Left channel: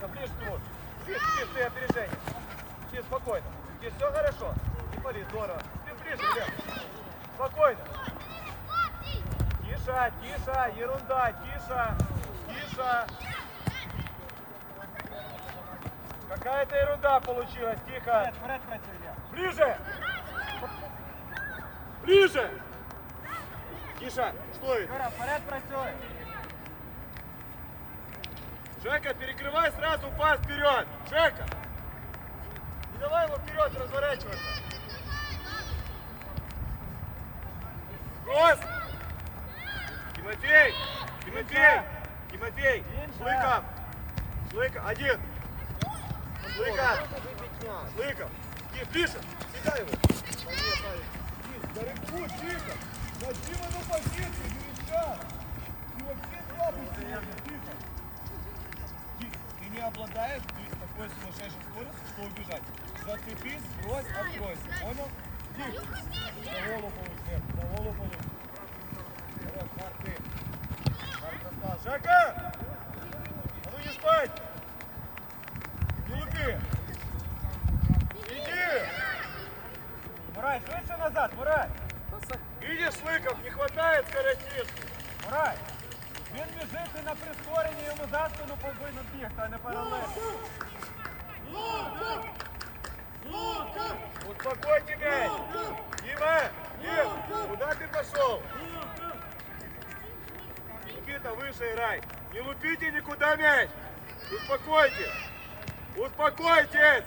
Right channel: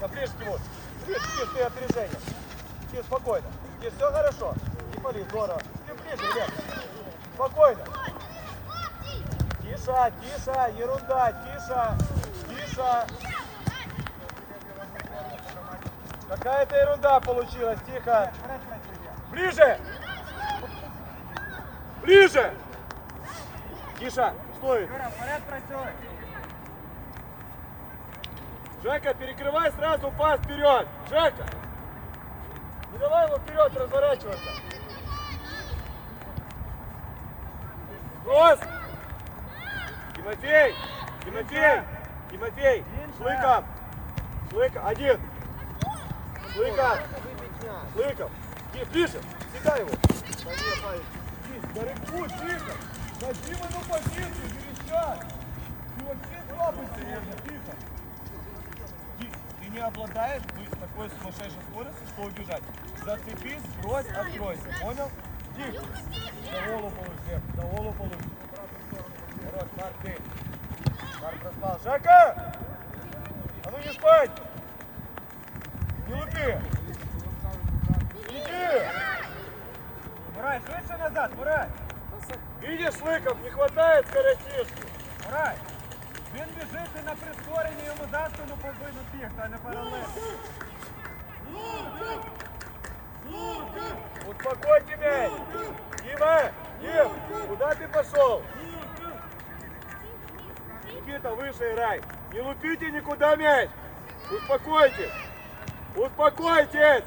страшного, ближе к нему. Ближе, ближе, ты опережение. Тише, спокойно. Тише, все хорошо. Не пали, здорово. Ты ближе, Глеб. Спокойно. Тише, тише, ерунда, тише, тише. Какая-то ерунда получилась, тихо. Ближе! Ближе! Тише, стой! Вперед працюй. Жека, перекрывай сразу пас вперед! Жека! Не давай ему вперед разворачиваться! Кросс! Тимофей! Тимофей! Тимофей! Шлыков! Шлыков! Один! Шлыков! Шлыков! Тише, Тише! Всегда его! Нет, да рыбку, тихо! Дадим ему позицию, Верещак! Ты вообще слабый сегодня, тихо! Не обладаешь быть такой сумасшедшей скоростью, что убежать. Зацепись, брось, откройся. Понял? Тихо. За голову получишь, Глеб, за голову получишь. Хорош, Марк, ты. Марк распал. Жака! А ну не спать! Не лупи! Иди! Мурай, швидше назад, Мурай. Видишь, Лыков, не хватает скоростишки. Мурай. Він біжить і на прискоренні йому за спину повинен бігти, а не паралельно. Успокой тебя! Дима! Дим! Куда ты пошел? Никита, выше играй! Не лупите никуда мяч! Успокойтесь! Успокойтесь!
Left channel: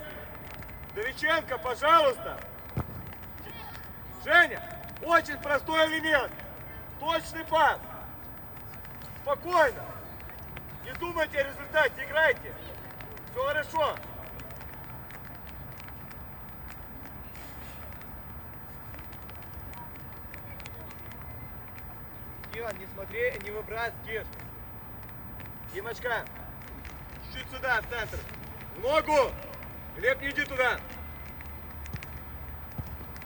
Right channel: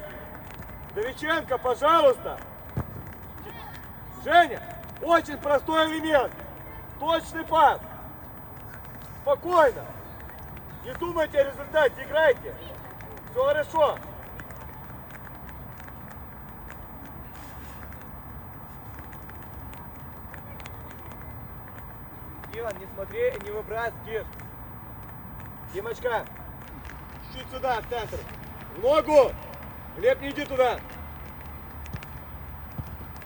Довиченко, пожалуйста! Женя, очень простой элемент! Точный пас! Спокойно! Не думайте о результате, играйте! Все хорошо! Димон, не смотри, не выбрать, Киш. Димочка, чуть сюда, в центр. В ногу! Глеб, не иди туда.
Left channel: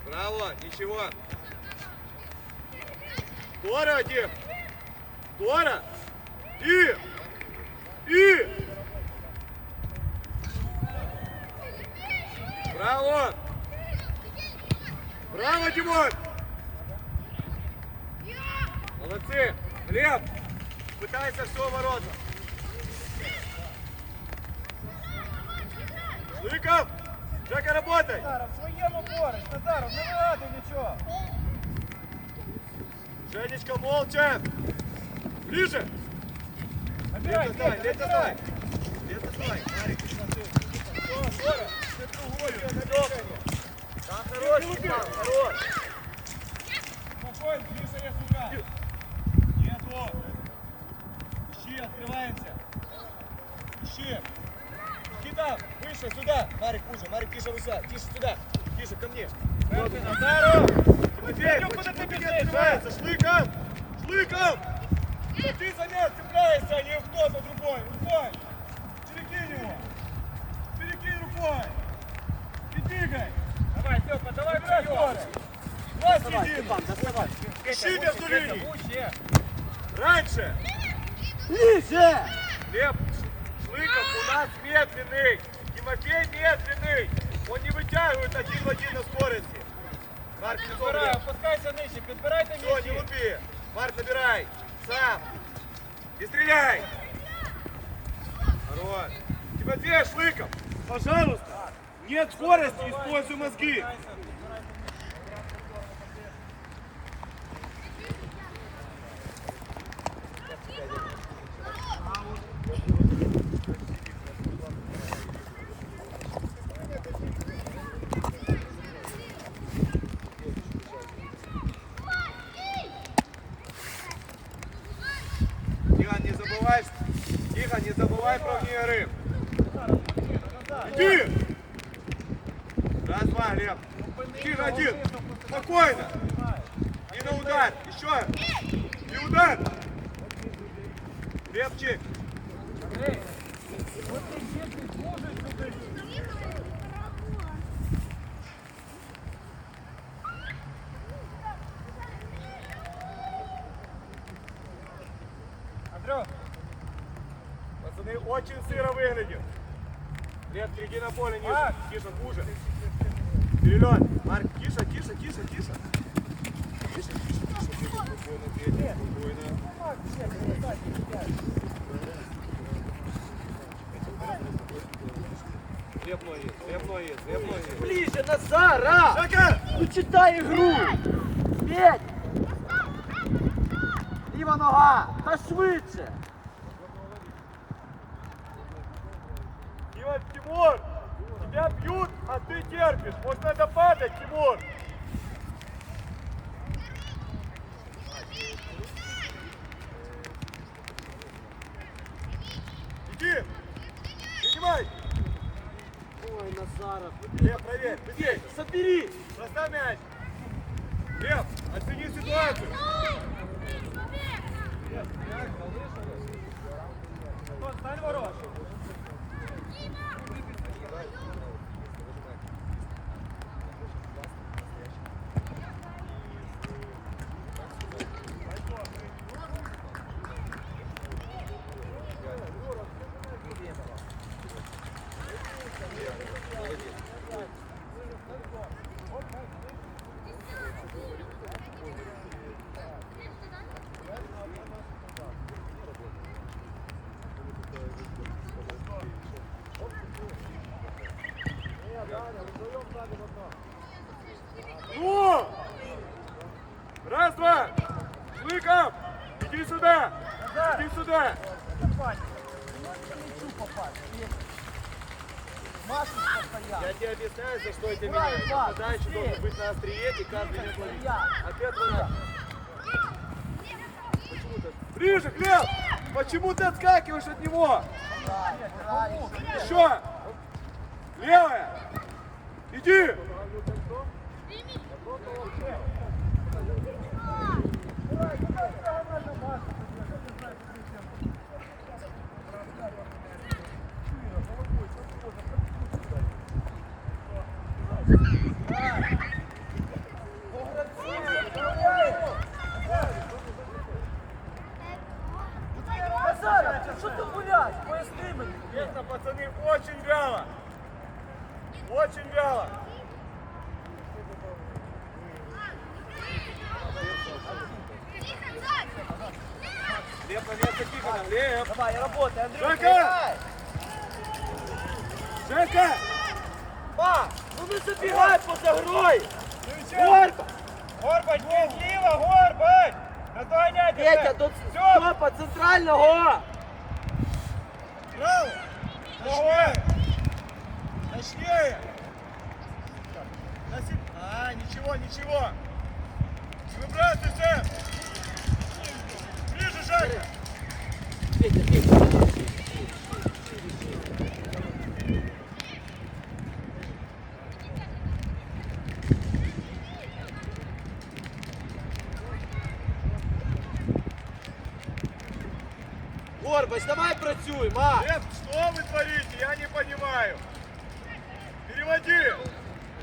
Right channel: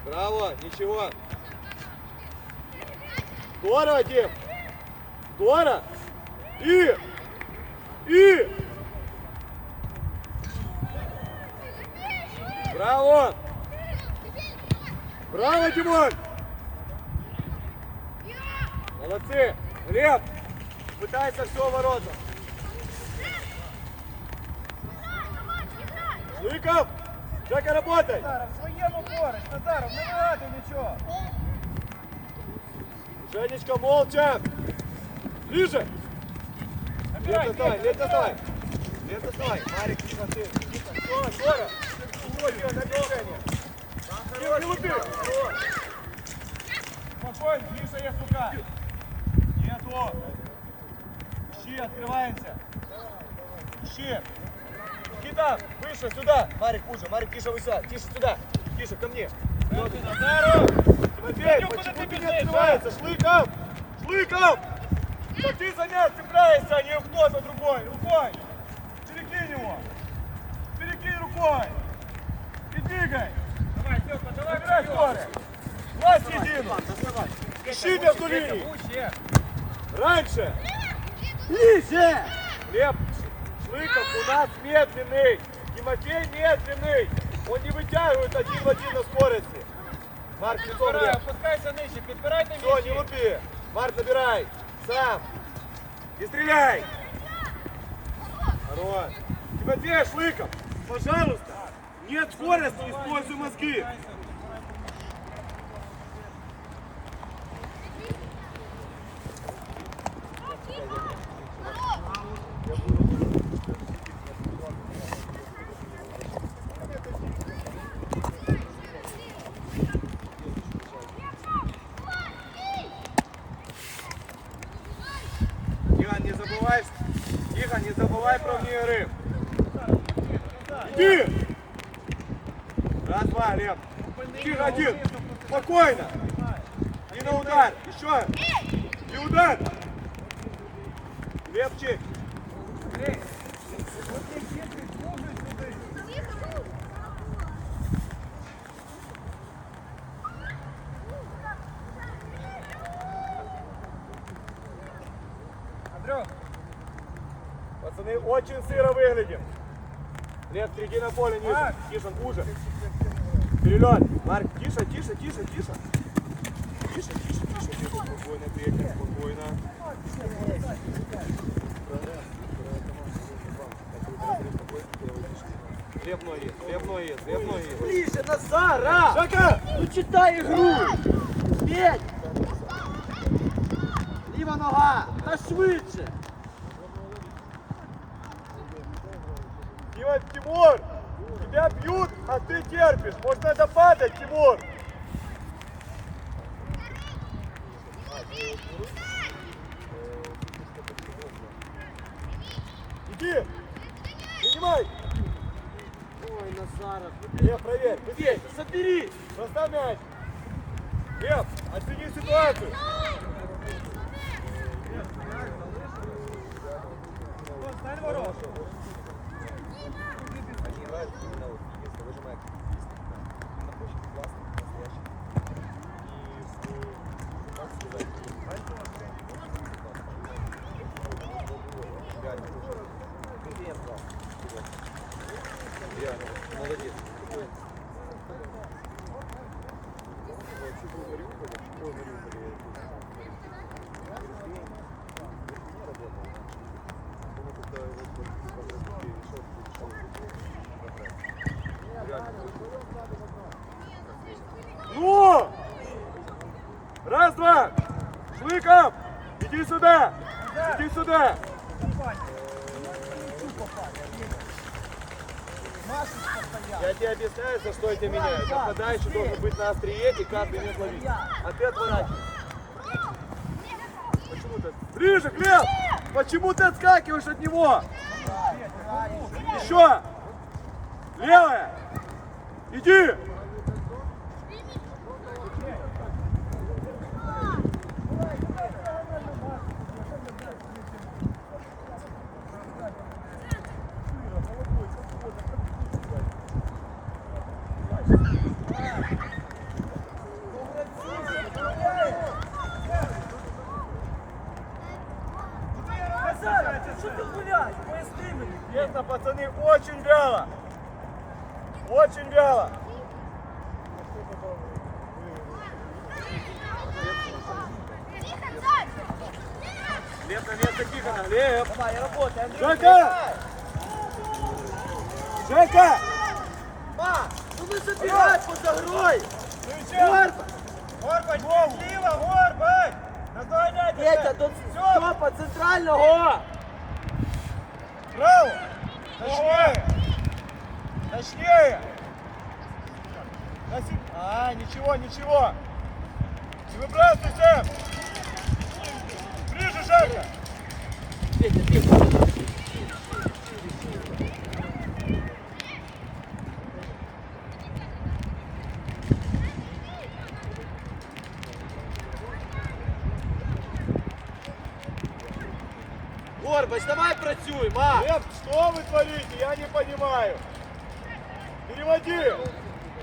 Браво, ничего. Здорово, Дим. Здорово. И, и. Браво. Браво, Димон. Молодцы! Глеб! Пытайся все ворота! Лыков! Жека, работай! Назаров, в своєму поруч, Назаров, не вигадуй нічого. Женечка, молча! Ближе! Лето бей, лето стой! Лето стой! Марик! Все, скоро! Ничего, делай, на движение! Не, лупи! Спокойно, Миша є сука. Нету! Ищи, открываемся! Ищи! Никита, выше, сюда! Марик, хуже, Марик, тише, выше, тише, сюда! Тише, ко мне! Тимофей, почему ты не открывается? Шлыков! Шлыков! Да ты за мяч цепляешься, а не кто-то другой! Рукой! Перекинь его! Перекинь рукой! И двигай! Давай, Степа, давай. Набирай скорость! Власть единую! Ищи между линий! Пуще. Раньше! Ниже! Глеб, Шлыков у нас медленный. Тимофей медленный. Он не вытягивает один в один на скорости. Марк, лицом Підбирай, Глеб. опускайся нижче, підбирайте Все, не м'ячі. лупи. Марк, набирай. Сам. И стреляй. Хорош. Тимофей Шлыков, пожалуйста. Нет скорости, используй мозги. Тихо, не забывай. Тихо, не забывай про вне игры. Иди! Раз, два, Глеб. Тихо, один. Спокойно. И на удар. Еще. И удар. Легче. Андрій, от ти дітки служиш сюди. Андрюх, Пацаны, Они очень сыро выглядим. Лев, приди на поле ниже. Марк. Тише, хуже. Вперед. Марк, тише, тише, тише, тише. Тише, тише, тише, тише. Спокойно, Петя, спокойно. Лев ноги, лев ноги, лев ноги. Ближе, Назара! Жака! Ну читай ігру! Петь! Ліва нога! Та швидше! Тимур! Тебя бьют, а ты терпишь. Может, надо падать, Тимур? Иди! Принимай! Ой, Назаров! Лев, проверь! Быстрей! Забери! Доставь мяч! Лев, оцени ситуацию! Антон, стань ворот. Ну! Раз, два! Шлыков! Иди сюда! Иди сюда! Я тебе объясняю, за что это. Нападающий должен быть на острие и каждый не ловить. Ответ ворот. Почему ты? Ближе, Глеб! Почему ты отскакиваешь от него? Еще! Левая! Иди! Жека! Жека! Ма, ну не забігай поза грою! Горба! Горбать, тіло, горбать! Наздоганяйте! Петя, до стопа центрального! Браво! Точнее! Точнее! А, ничего, ничего! Не выбрасывайся! Ближе, Жека! Петя, Петя! Горбач, давай працюй, ма! Лев, что вы творите? Я не понимаю.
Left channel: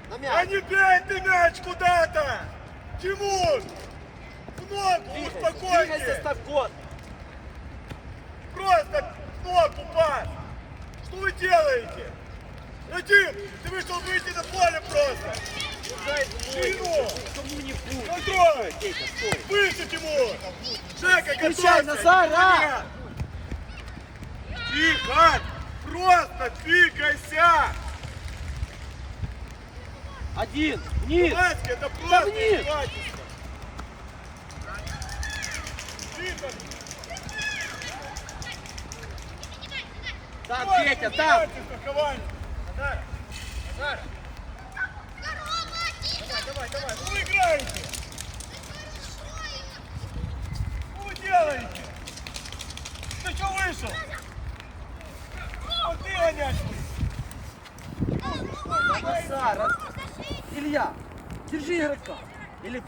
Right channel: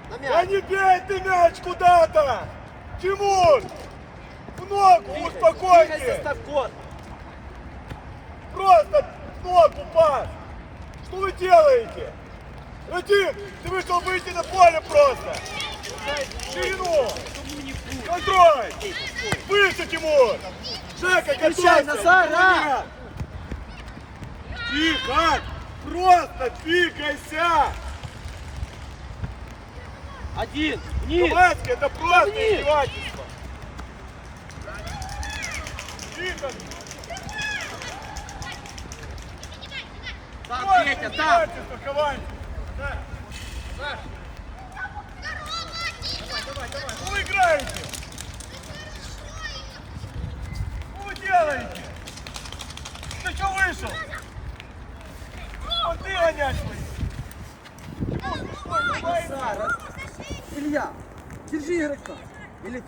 Да м'яч! не бей ты мяч куда-то! Тимур! В ногу, Ставко! Просто в ногу пас! Что вы делаете? Один, ты вышел выйти на поле просто! Ширину! Контроль! Выше, Тимур! Встречай, готовься! Назар, а! Тихо! Просто двигайся! Один! Вниз! Маски, это просто вниз! издевательство! Тихо! Так, Петя, так! издевательство, Хованский! Что вы играете? Что вы делаете? Ты что вышел? Вот ты гонять будешь. Что, не боишься? Назар, Илья, держи игрока! Или все, хай Петя! Не прижи... Обирайте, що ти в стіні будеш? Нехай попросить його. Ой, на що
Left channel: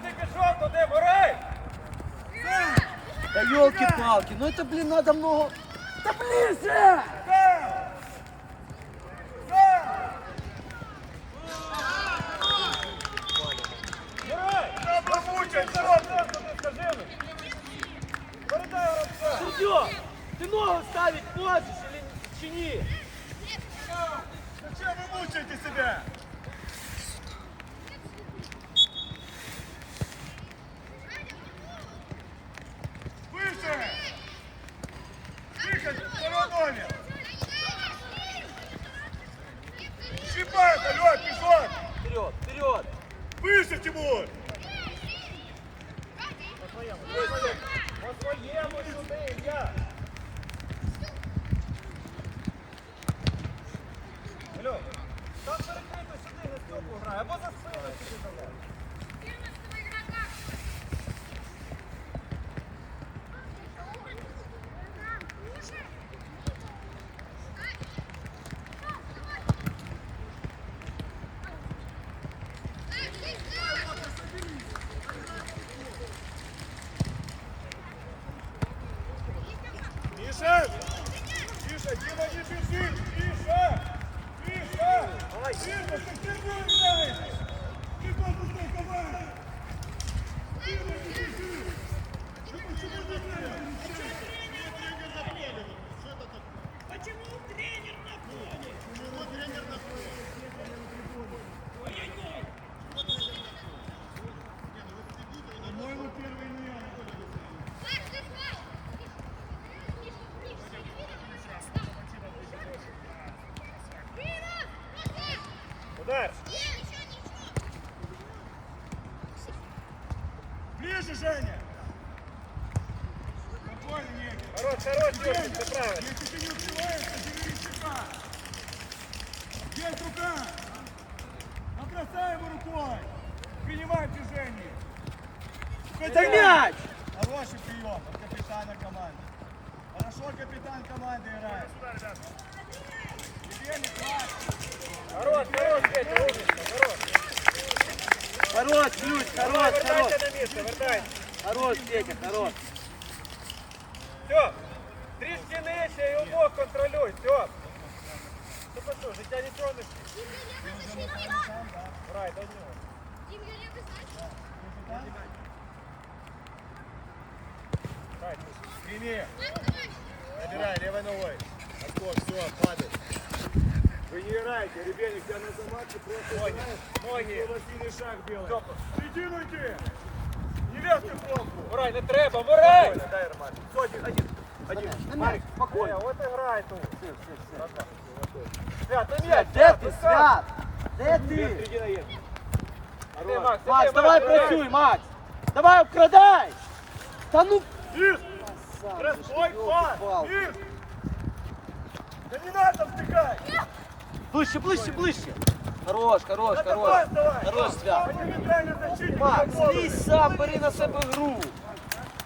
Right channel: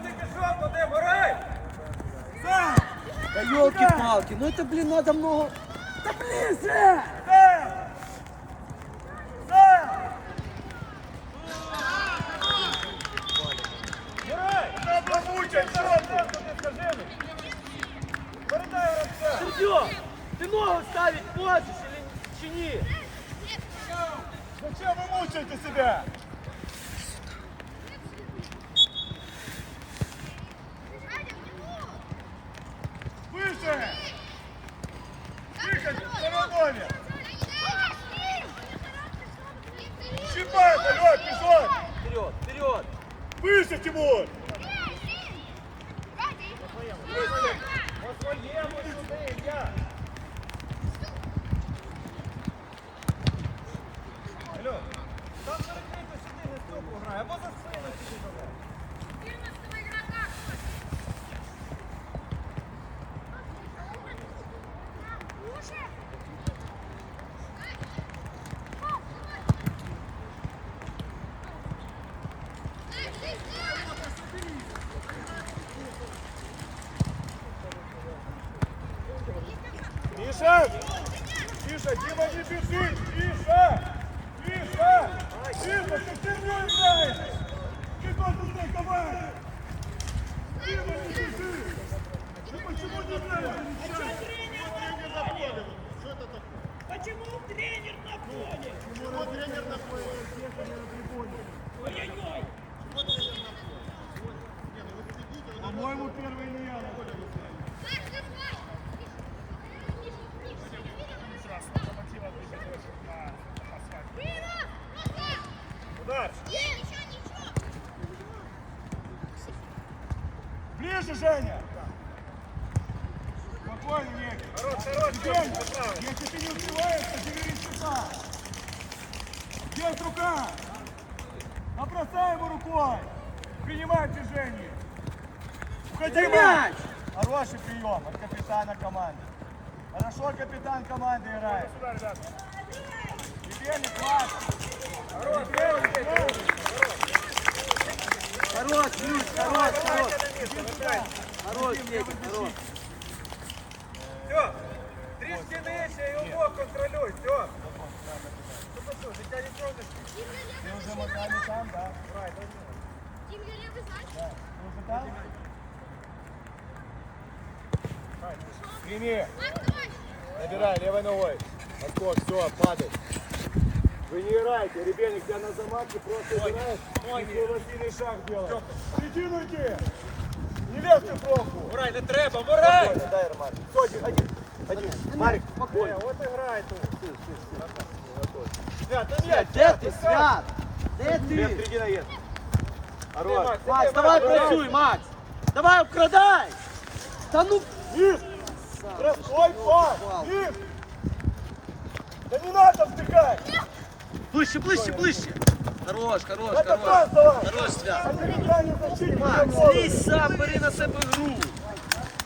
ти пішов туди, борай! Да елки-палки, ну это, блин, надо много... Та ближче! Сам! Серьё, ты ногу ставить можешь или чи ні? Зачем вы мучаете себя? Миша! Миша, Дима, не бежи! Миша! Миша! Дима, ты херню играешь! Ты должен той команде! Дима, не бежи! Ну почему не играешь? По-моему, первый не я. Куда? Женя! Спокойно, Ник. Хорош, хорош, Идем. Если ты не успеваешь, то забери щита. Есть рука. Набросай его рукой. Принимай движение. Уходи, Мяч! Хороший прием от капитана команды. Хорошо капитан команды играет. Теперь не плачь. Хорош, ключ, хорош, хорош! Хорош, Петя, хорош! Все, трішки нижче і умов контролюй, все. Ну що, що, життя не тронеш? Ты уже мотали там, да? Грай, дай мені. Ты уже там? Прими. Набирай левой ногой. Отскок, все, падай. Вы не играете, ребенок, тебя на заматке просто играешь. Ноги. Лосиный шаг делаешь. Середину иди. Не лезьте в пробку. Мурай, не треба, Мурай! Спокойно, дай. Все, один, один. Один. Марик, Е, От і грай тут. Свят, ну м'яч. Де ти, Свят? Де ти? Середина есть. Ти, Хорош. Макс, давай працюй, Макс! Давай, вкрадай! Та ну... Миш! Ой, пас! Миш! Да не надо втыкать! Ближче, ближче, ближче! Хорош, хорош, хорош! Хорош, Свят! Злізь сам, бери на себе гру!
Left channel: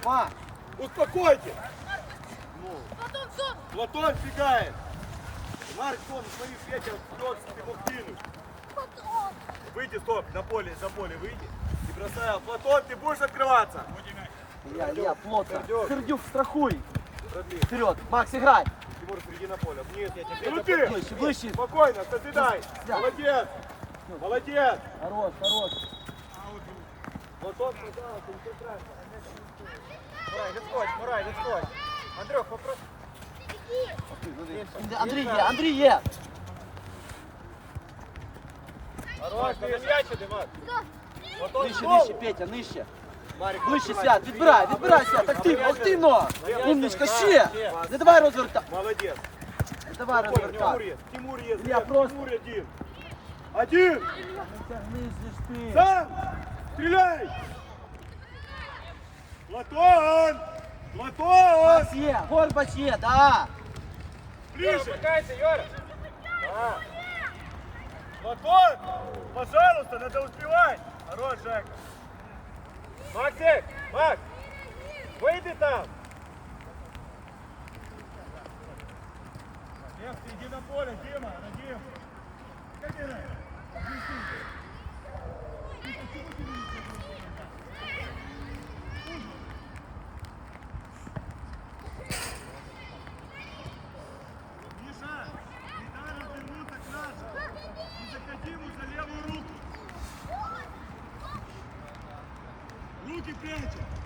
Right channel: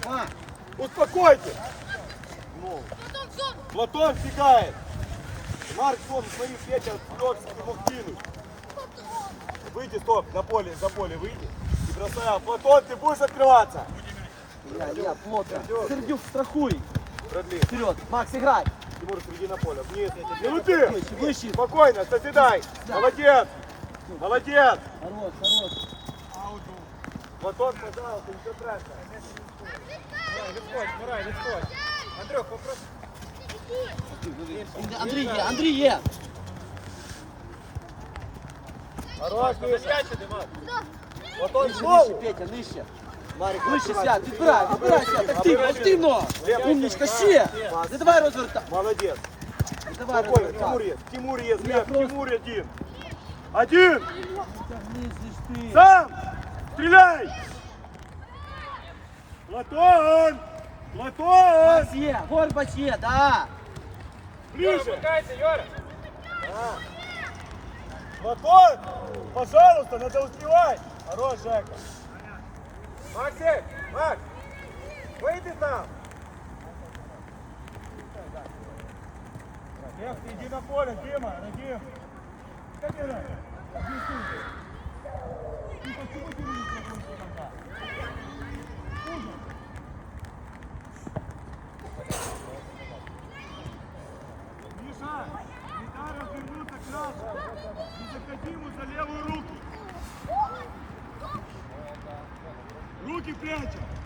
Макс! Успокойтесь! Платон фигает! Марк, стоп, смотри, Петя вперед, ты мог кинуть. Выйди, стоп, на поле, за поле выйди. И бросай. Платон, ты будешь открываться? Я, я, плотно! Сердюк, страхуй! Вперед! Макс, играй! Тимур, среди на поле. Нет, нет, нет. Ну ты! Ближче, ближче! Спокойно, созидай! Да. Молодец! Молодец! Хорош, хорош! Платон, пожалуйста, все правильно. Мурай, відходь, Мурай, відходь. Андрюх, попроси. Андрій є, Андрій є! Хорош, Миша. Платон, Нижче, снова. нижче, Петя, нижче! Марик, Ближче, открывай. Свят, відбирай, відбирай, Свят, активно, активно! Умничка, ще! Не давай розвертай! Молодец. Не давай Спокойно, Тимур розвертай! есть, Тимур есть, Я Свят, просто- Тимур один. Один! Тягнись же ти! Сам! Стреляй! Платон! Платон! Макс є, Горбач є, да! Ближе! Чекайте, Юра. Платон! Пожалуйста, надо успевать! Хорош, Жека! Максим, Макс, вийди там. Ты иди на поле, Дима, Радим! Ты почему ты не Петя!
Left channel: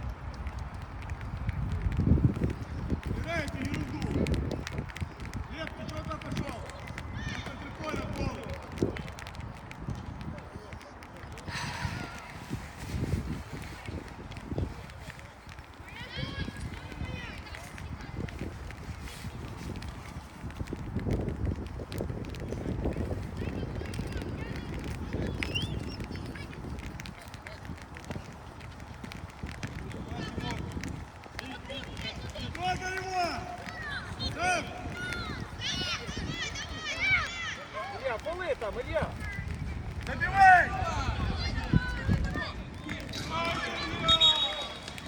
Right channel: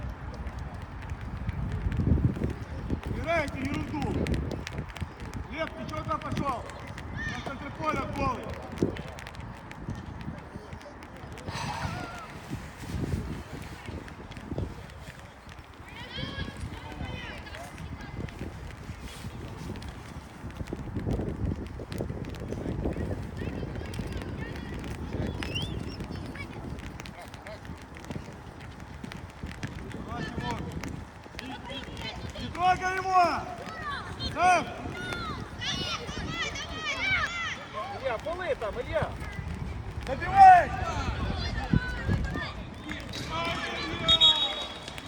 Там, Илья? Забивай!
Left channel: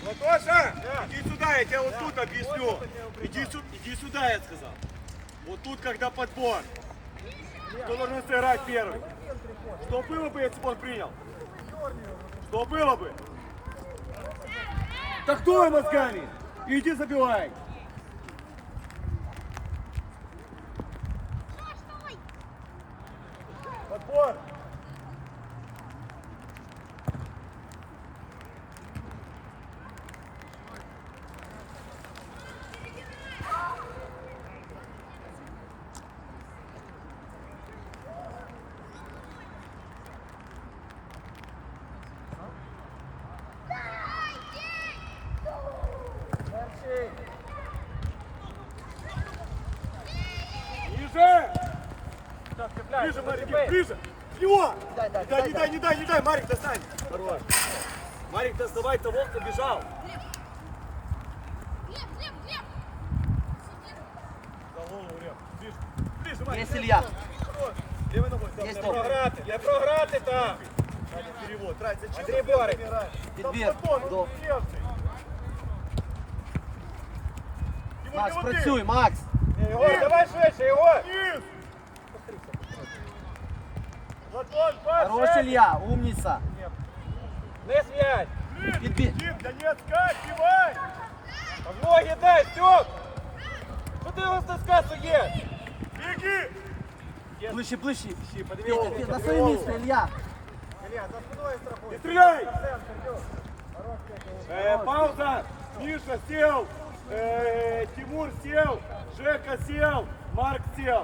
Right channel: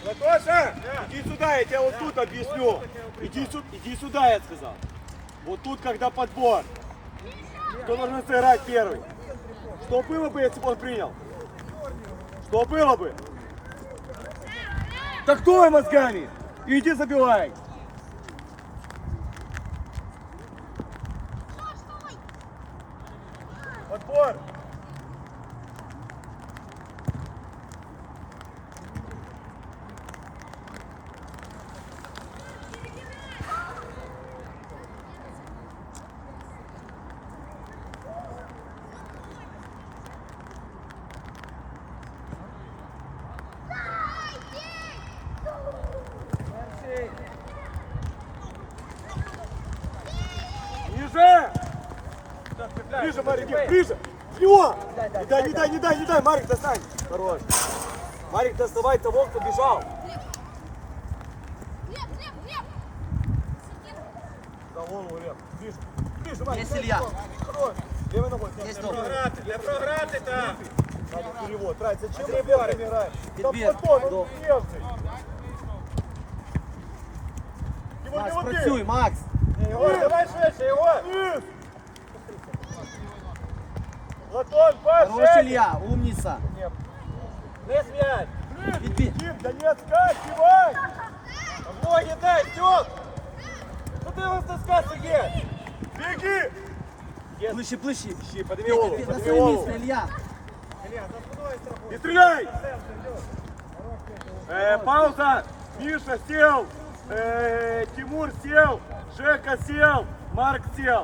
Латоша, иди сюда, я тебе вот тут объясню. Иди, сю- иди сюда, я сказал. Вот тут, когда подбор. Кто должен сыграть первый? Что было бы, если бы он принял? Что было бы? Так кто мозгами? Иди забивай. Подбор. Ниже! Ближе, Марик, ближе! Его! Не дай, не дай, не дай, не дай, Марик, достань! Хорош! Марик, доставай того, кто бежал! Глеб, Глеб, Глеб! За голову, Лев! Ближе! Ближе, Марик! Есть Илья. Хорош! Левой ногой! Есть Стой, он. програти, Я програти там. Надя, перевод. Трать, зачем Андрей мы Бёрик. играем? Там Підбір. потом, он До. левший. Тимур, Макс, не уйди. працюй, Макс. Ігор, давай швидше, Ігор. Вниз! Ладон, пас! Хорош, Илья, умница. Не зв'язь. Підбір. Тим, да не отскакивай! Ноги дай, Стьоп. Куди його таскати, Сергій? Беги! Ближче, ближче. Ищи, подними Петя, голову, Петя, на подними своє голову. місце, Илья. Илья, за спиною страхуй. Не стреляй! Э, пауза! Миша сел! Э, Тимур сел! Жека сел! Марк сел!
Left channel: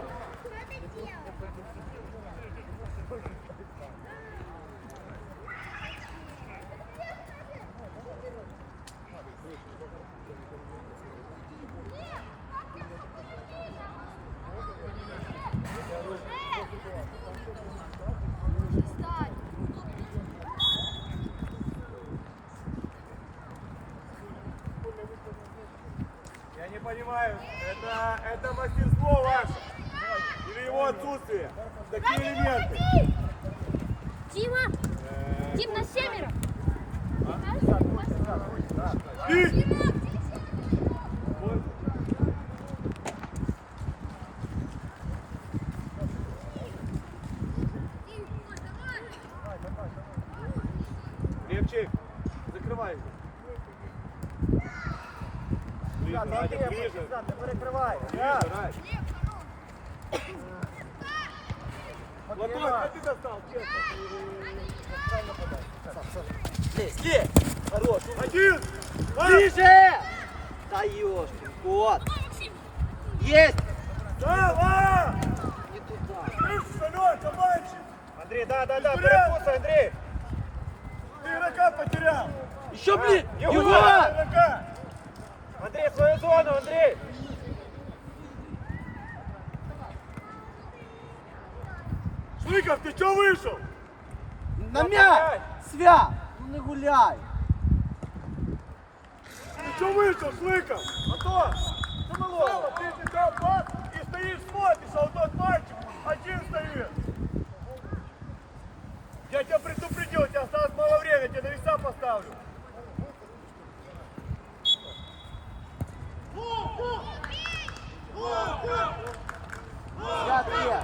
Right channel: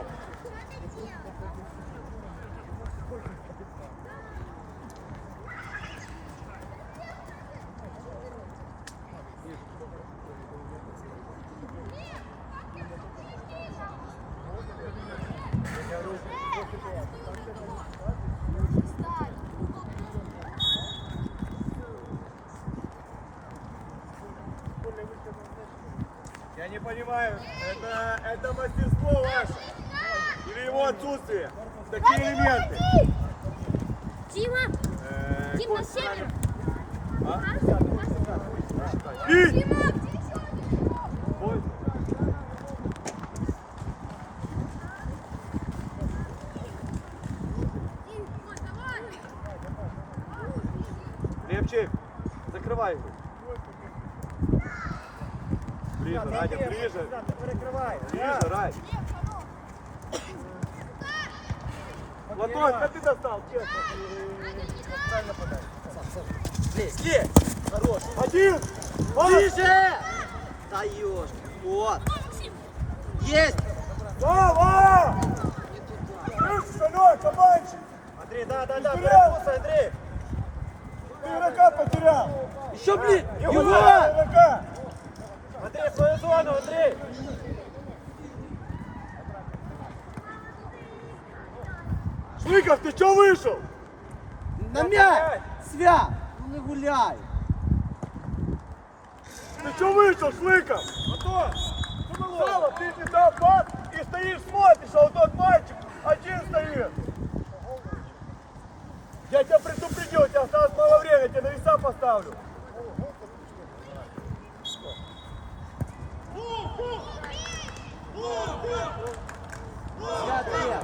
Это, это мастерство ваше? Или его отсутствие? Какие элементы? Дима! Э, Дим, на север! Дима! Дим, ой, давай! Левчик, закрывай его. Ближе, Надя, ближе. Перекривай. Ближе, Рай. Ладонь, как ты достал, честно? Слева. Хорош. Один! Ближе! Да ёшки. Вот. Давай, Максим! Есть. Давай! Слышишь, Алёш, кабанчик? Андрій, да, да, да. Вперед! Перекусай, Андрій. Ты игрока потерял! Еще блин. Егор! Егора. Игрока! Андрій, свою зону, Андрій. Шлыков, ты чё вышел? На мяч. Свят. Ну не гуляй. Ты чё вышел, Шлыков? Антон, що? Сало, ты не дал пас и стоишь, смотришь, а вот тот мальчик один стоит. Я тебя предупредил, у тебя осталось мало времени, я тебе на веса поставлю. Свят є.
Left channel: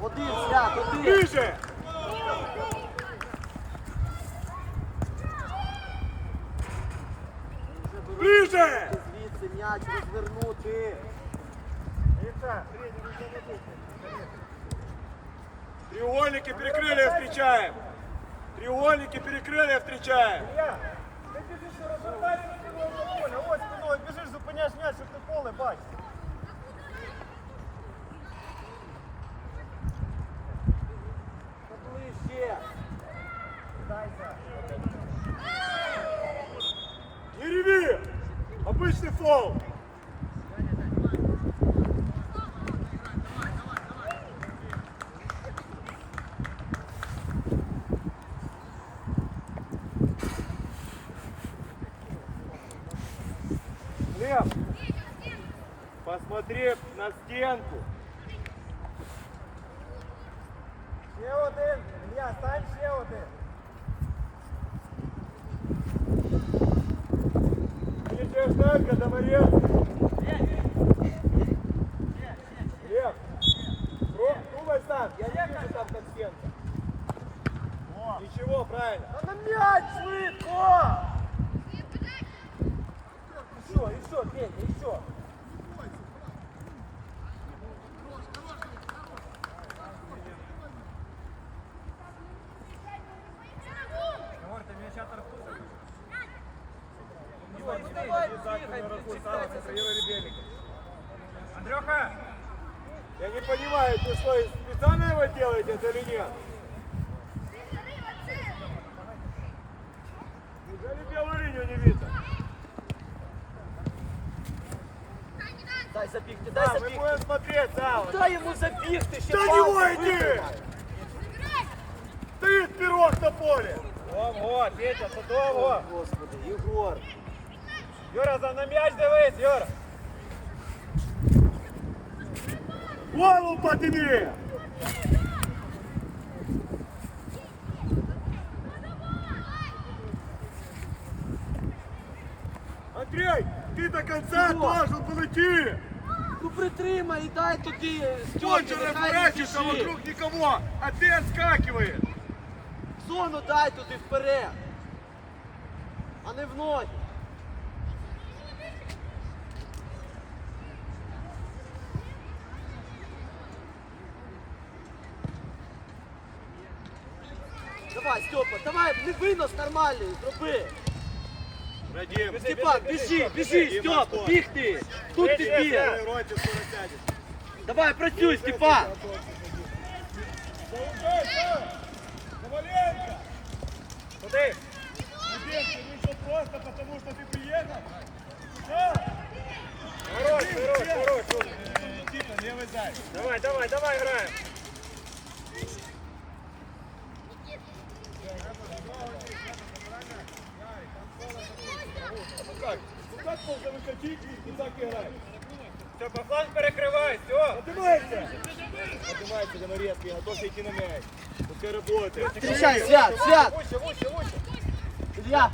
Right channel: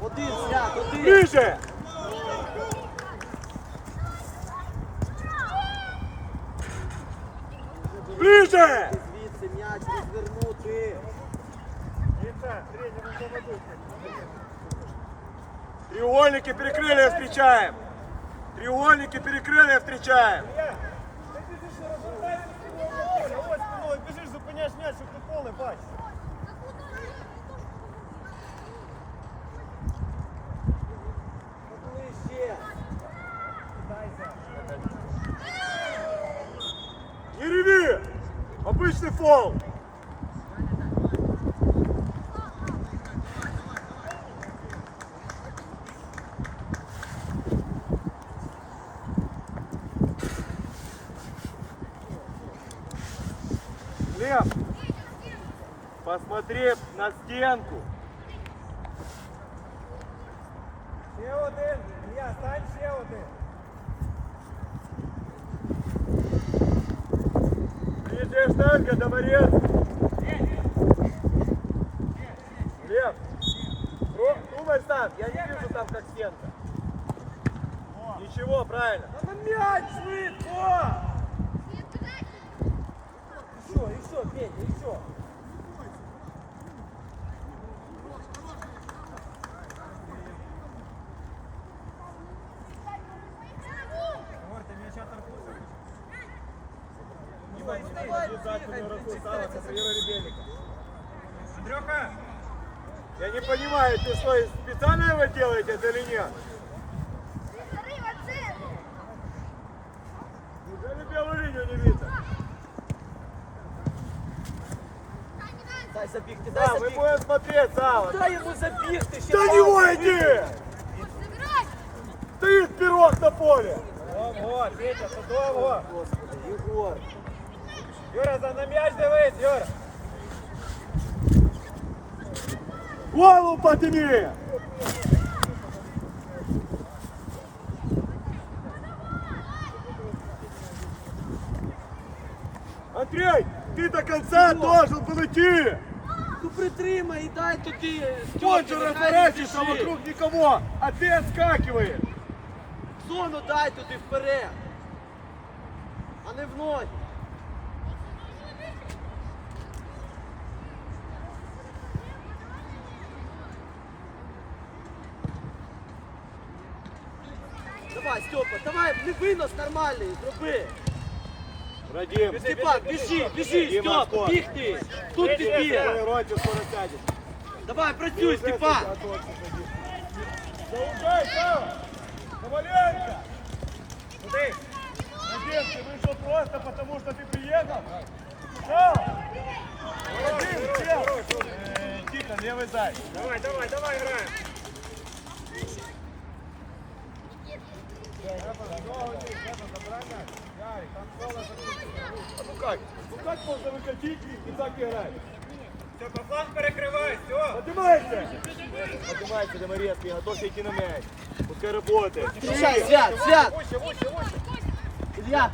Один, свят, один. Ближе! Ближе! Звідси м'яч розвернути. Треугольники перекрыли, встречаем. Треугольники перекрыли, встречаем. Ти біжиш у розвертальну поле, ось спиною біжиш, зупиняєш м'яч, щоб ти полем бачу. Фол! Лев, посмотри на стенку. Ще один. Ілля, стань ще один. Нижняя штанга, Домарец. Лев, Ром, думай сам, я не вижу там как стенка. Ничего, правильно. А на м'яч швидко! Еще, еще, Петя, еще. Егор, ты меня сейчас раскрутишь? Иван, не обязательно руку стала, контролируй ребенка. Андрюха! Я не понимаю, ты что, специально его делаете это или нет? Неужели белую линию не видно? Дай забігти, дай Да, мы забігти. будем смотреть, Сава. Дай йому забігти ще. До него иди! Забирай! Ты вперед на поле! Ого, Петя, судово! Господи, Єгор. Юра, за на м'яч дивись, Юра! Голову подними! Андрей, ты до конца должен подойти! Ну притримай і дай туди. Он Стьопі, же нехай разворачивается не біжить. вокруг никого, а ты отскакиваешь! Зону дай туди вперед. А не в ноги. Степа, давай, не винос нормальний, зроби. Радим, Степан, біжи, біжи, Дима, Степа, отход. біг ти. Тут ти біг. Роте скоро сядешь. Давай, працюй, Степан. Заужай, Сава! Коваленко! Куди? Надеюсь, ты вышел просто потому, что ты приехал? Сава! Радим, чел! Э, Тихо, левый зай. Давай, давай, давай, граємо! Как можно выкатить и так играть? Все, по фланг перекривай, все! Поднимайся! Поднимайся, Доморецкий, готовься идти на мяч. Пускай работает. Встречай, Свят, Свят. Илья.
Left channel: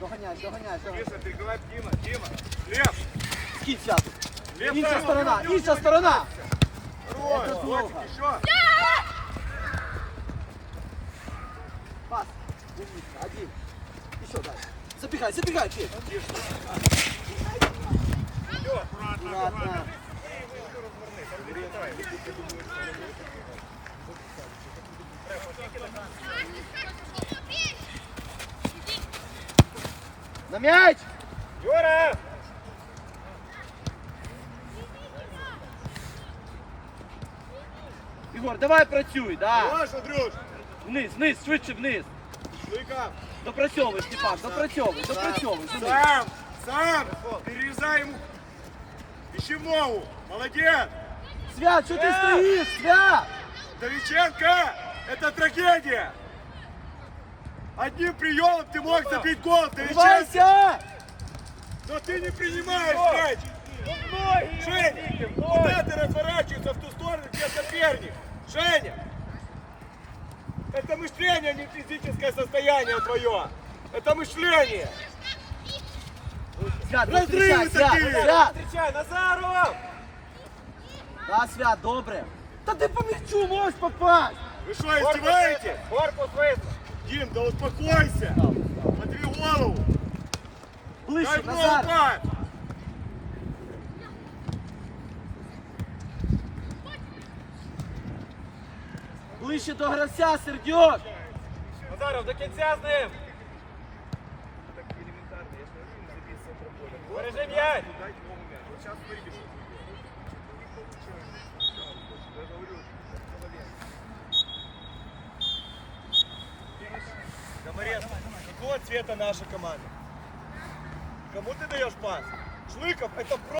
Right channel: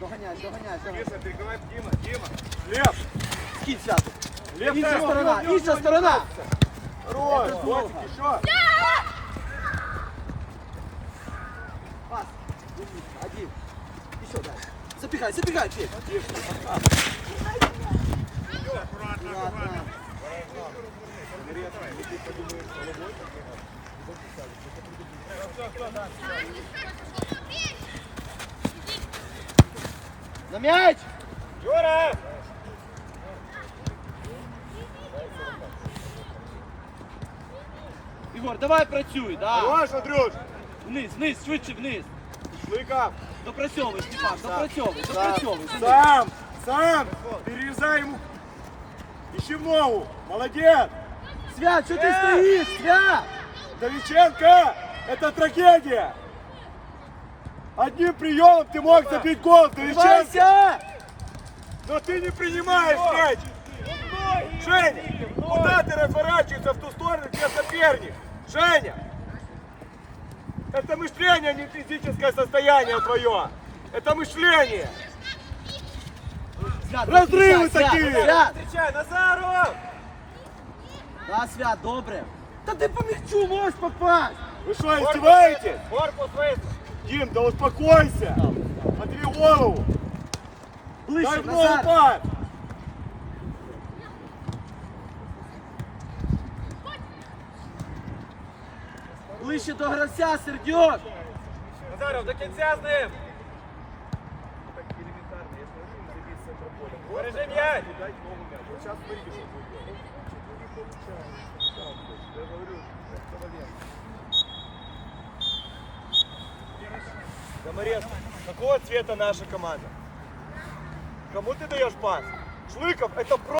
Доганяй. Миша, перекрывай Дима, Дима. Лев! Скид Святу. Лев, Інша сторона, інша сторона. Рой, плохо. еще. Пас. Умничка, один. Еще дай. Забегай, забегай, Петь. Аккуратно, аккуратно! Доморецкий, ну ты подумаешь головой. На мяч. Юра! Ігор, давай працюй, да. Хорош, Андрюш! Вниз, вниз, швидше вниз. Шлыка! Допрацьовуй, Степан, допрацьовуй, допрацьовуй. Сам! Сам! Перерезай ему! Ищи мову! Молодец! Свят, що ти стоїш, Свят? Довиченко! Это трагедия! Одним приемом ты мог забить гол, Довиченко! Вривайся! Но ты не принимаешь мяч! Женя! Куда ты разворачиваешься в ту сторону, где соперник? Женя! Это мышление, а не физическое состояние твое! Это мышление! Свят, Розриви зустрічай, такі! Свят, Свят. Встречай, Назаров! Да, Свят, добре. Та ти по м'ячу можеш попасть. Вы что, издеваетесь? Корпус вийти! Дим, да успокойся! Отри голову! Ближче, Дай ногу Назар. пас! Ближче до гравця, Сердьок. Назаров, до кінця з ним! Бережи говорю, Комарец, какого цвета наша команда? Кому ты даешь пас? Шлыков, это про...